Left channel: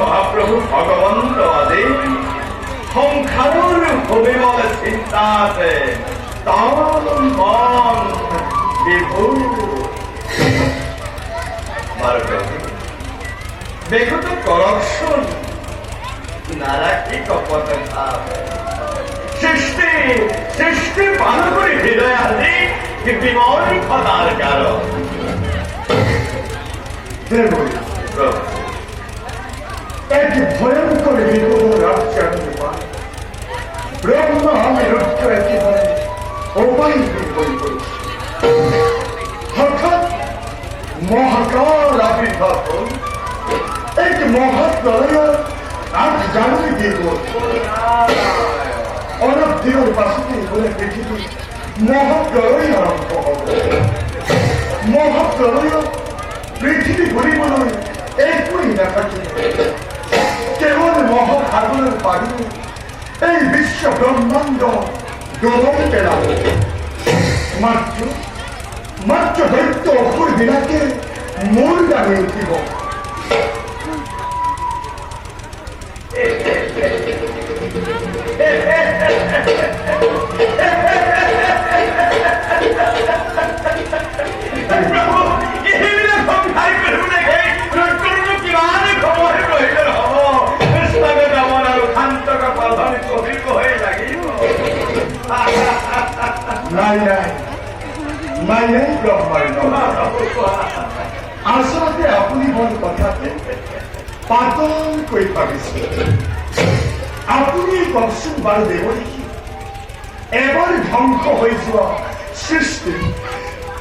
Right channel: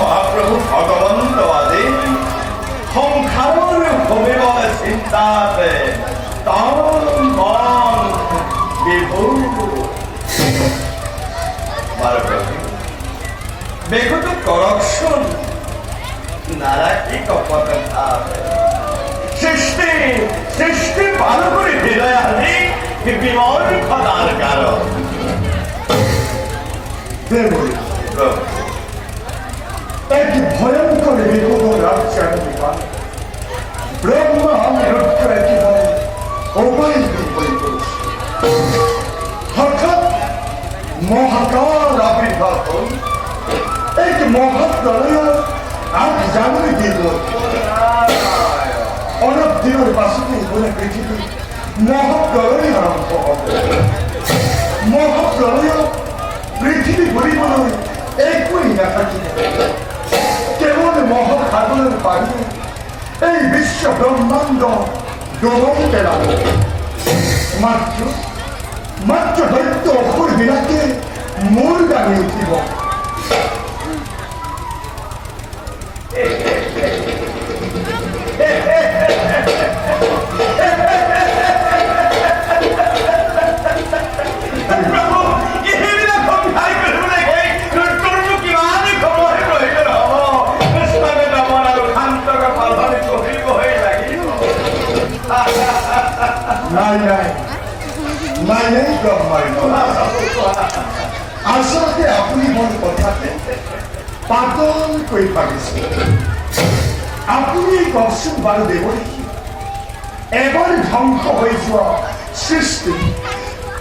মহাপ্রভু ভগবন্ত আদি সংসাৰৰ ভূমিব চিন্তাতে তন মন বিভূৰ বেগতে কৰকচোন নাৰাখি কপত সৃষ্টি সৃষ্টি ভাল কৰি হৃদয় আদি বিমল সদাৰ কাৰণ এক ভয়ঙ্কর বিপদ রাজ্যে ব্রহ্মা রুদ্র একেবারে উভয় বিপরীত করেছে। হঠাৎ মহাকাল আবির্ভাব হল এক মহাপ্রলয় আর জানুয়ারি দিব অনেক দিনের পাশে বলে পৃথিবী মহাপ্রলয় আরম্ভ হবে। মহাপ্রলয় পৃথিবী পরিমাণে একই দেখা কেবল মহাসাগরের পানি এই বিশ্ব ব্রহ্মাণ্ড ডোবতে লাগে। মাত্র দৈত্য অসুর বিলাকে মূল দাঁড়ি উঠিব। আচলতে আপুনি মোৰ কথাতে পাতল কৰি পাৰিছে। আপুনি কওকচোন বাৰু দেৱকী, এবাৰ ধ্বংস হৈ যোৱা সৃষ্টি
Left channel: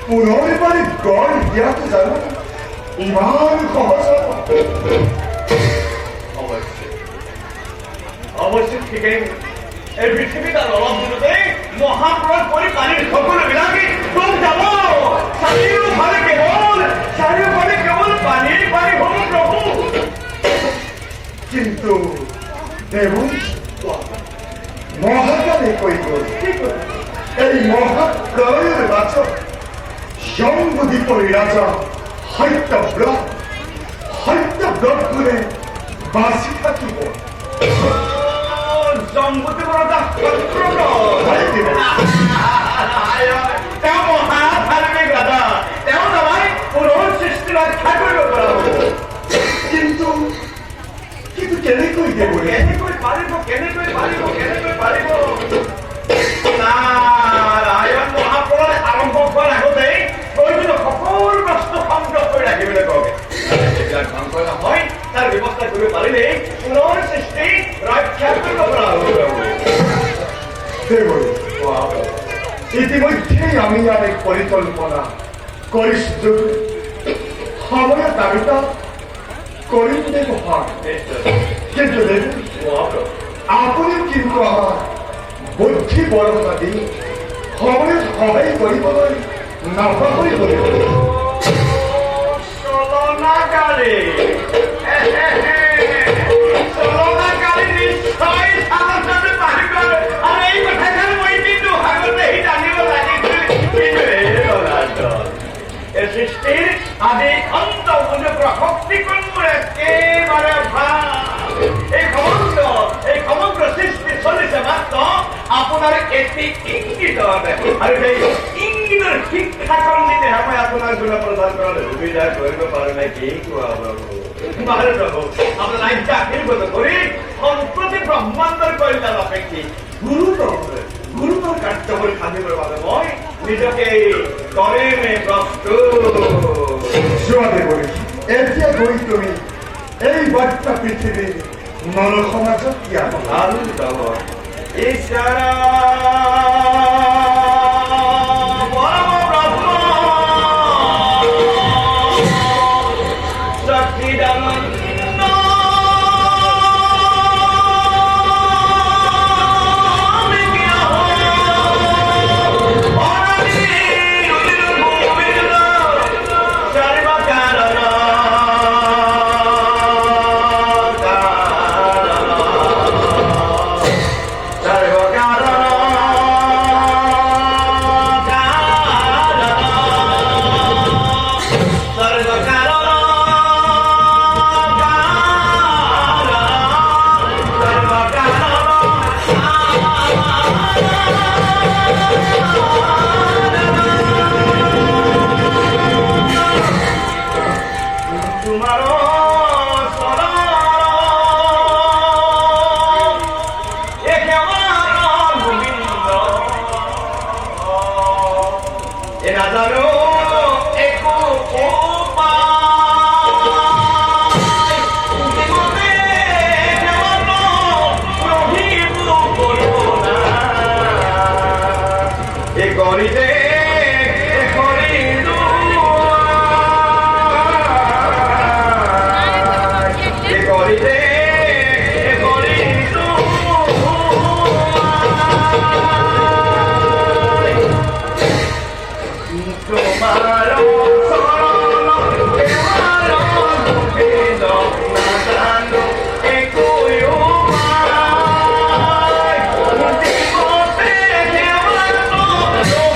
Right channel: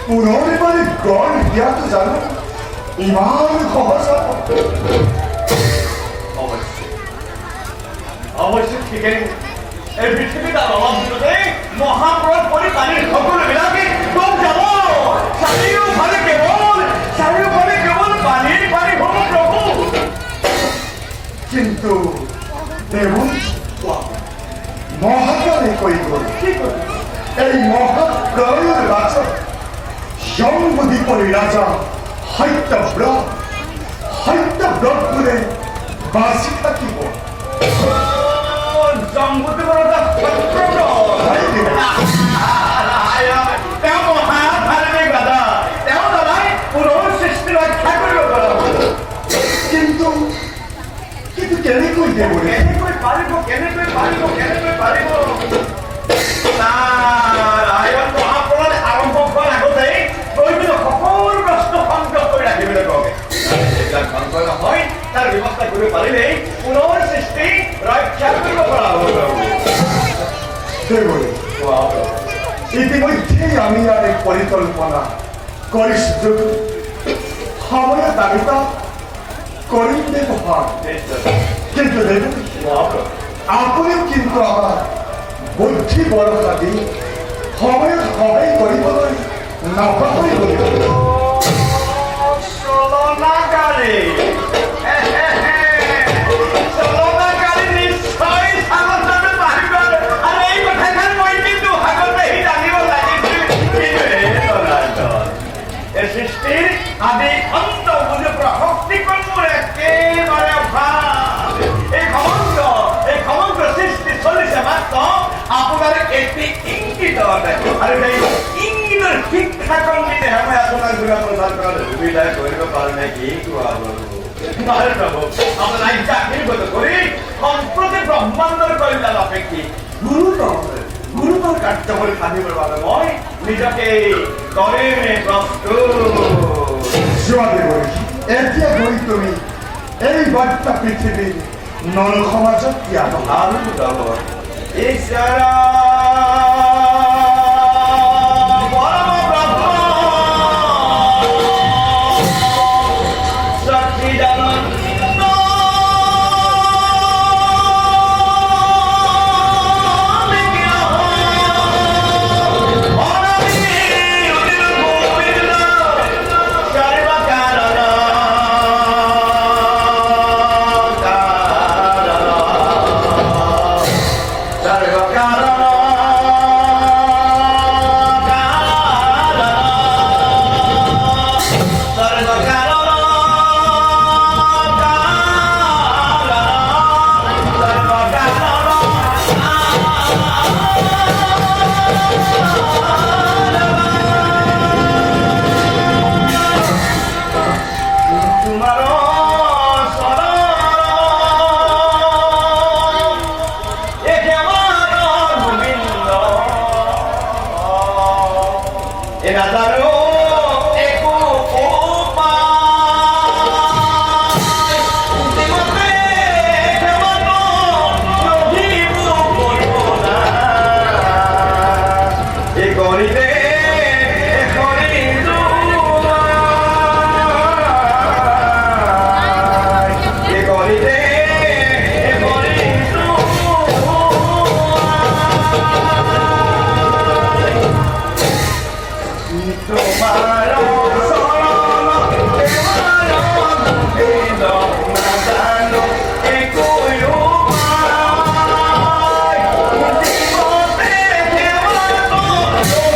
পুনৰ এবাৰ গঢ় দিয়াটো জানো ইমান সহজ? অৱশ্যে ঠিকেই। এই পৃথিৱীত আৰু অলপ দিনতে মহাপ্ৰলয় কৰি পানীৰ সকলোবিলাকে ডুব যাব। চাৰিওফালে কেৱল পানীৰ পানী হ'ব প্ৰভু। কিন্তু দেৱী মহাকালে কৈ গ'ল এই মহাপ্ৰলয়ৰ ৰাজা জম্বুদ্বীপৰ ৰাজা সত্যব্ৰত বোলে বাচি থাকিব। জম্বুদ্বীপৰ এটা তেওঁ মহাধাৰ্মিক ৰাজা। তেওঁ নহয় পুনৰ সৃষ্টি ৰক্ষা কৰিব পৰা হ'ব। কিন্তু কেনেকৈ দেৱ কেনেকৈ পাৰিব মহাপ্ৰলয় আৰম্ভ হোৱাৰ আগতেই প্ৰয়োজনীয় সকলো বস্তু সংগ্ৰহ কৰি ৰাখিবলৈ কওঁগে। এইবিলাক ধ্বংস নহয় তাৰ ব্যৱস্থা কৰিব পাৰিলেই পুনৰ সৃষ্টি ৰক্ষা কৰিব পৰা হ'ব। ইতিমধ্যেই আমি অনেক পরিকল্পনা করি সুযোগ আমার দাবিটা করিতে হয় কিন্তু দেখুন আপনিও কিন্তু আমার বুদ্ধি বড় দাবি সময় সহায় কৰিবলৈ নাপাহৰি কৰিব চলনাকারী চলনাকারী নিশ্চয় সাহসে পাৰিব আৰু এই কথাষাৰ মই কিন্তু আগতেই জানিব লাগিছিল কিন্তু এই সৃষ্টিৰ আদি অন্ত বুজি শক্তি মোৰ একেবাৰে ভাল এই সমগ্ৰ সৃষ্টি চলিছে মাত্ৰ আপোনাৰ এটি ইংগিতত আৰু সেই ইংগিতৰ শিক্ষাকৰণ দিলে মই আপোনাৰ গুণত প্ৰদান কৰাৰ সুবিধা কৰিব পাৰোঁ নে কি কোৱা বাৰু প্ৰভু আপোনাৰ আজ্ঞা শিল্পত কৰি সম্প্ৰতি ব্ৰহ্মাণ্ডৰ কল্যাণ আপেক্ষিক গুৰুতৰ কাৰ্যবোৰ সাধিবৰ বাবে মই নিজকে কৰিমে প্ৰস্তুত যোৱালে কৰিছো এতিয়া গৈ তুমি এই বাৰ্তা পৃথিৱীৰ নল সমাজত দিয়া ভাল যাব ঈশ্বৰ পৰম ব্ৰহ্ম সচ্চিদানন্দ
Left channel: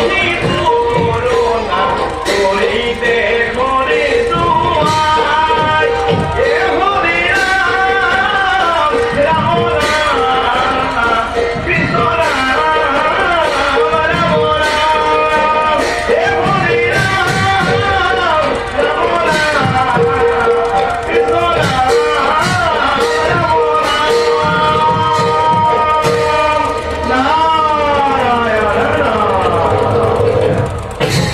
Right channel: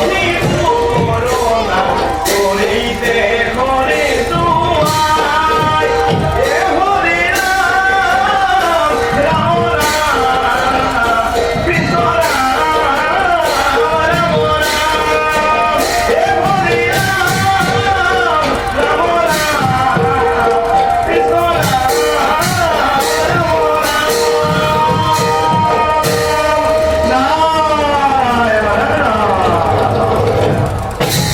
Please.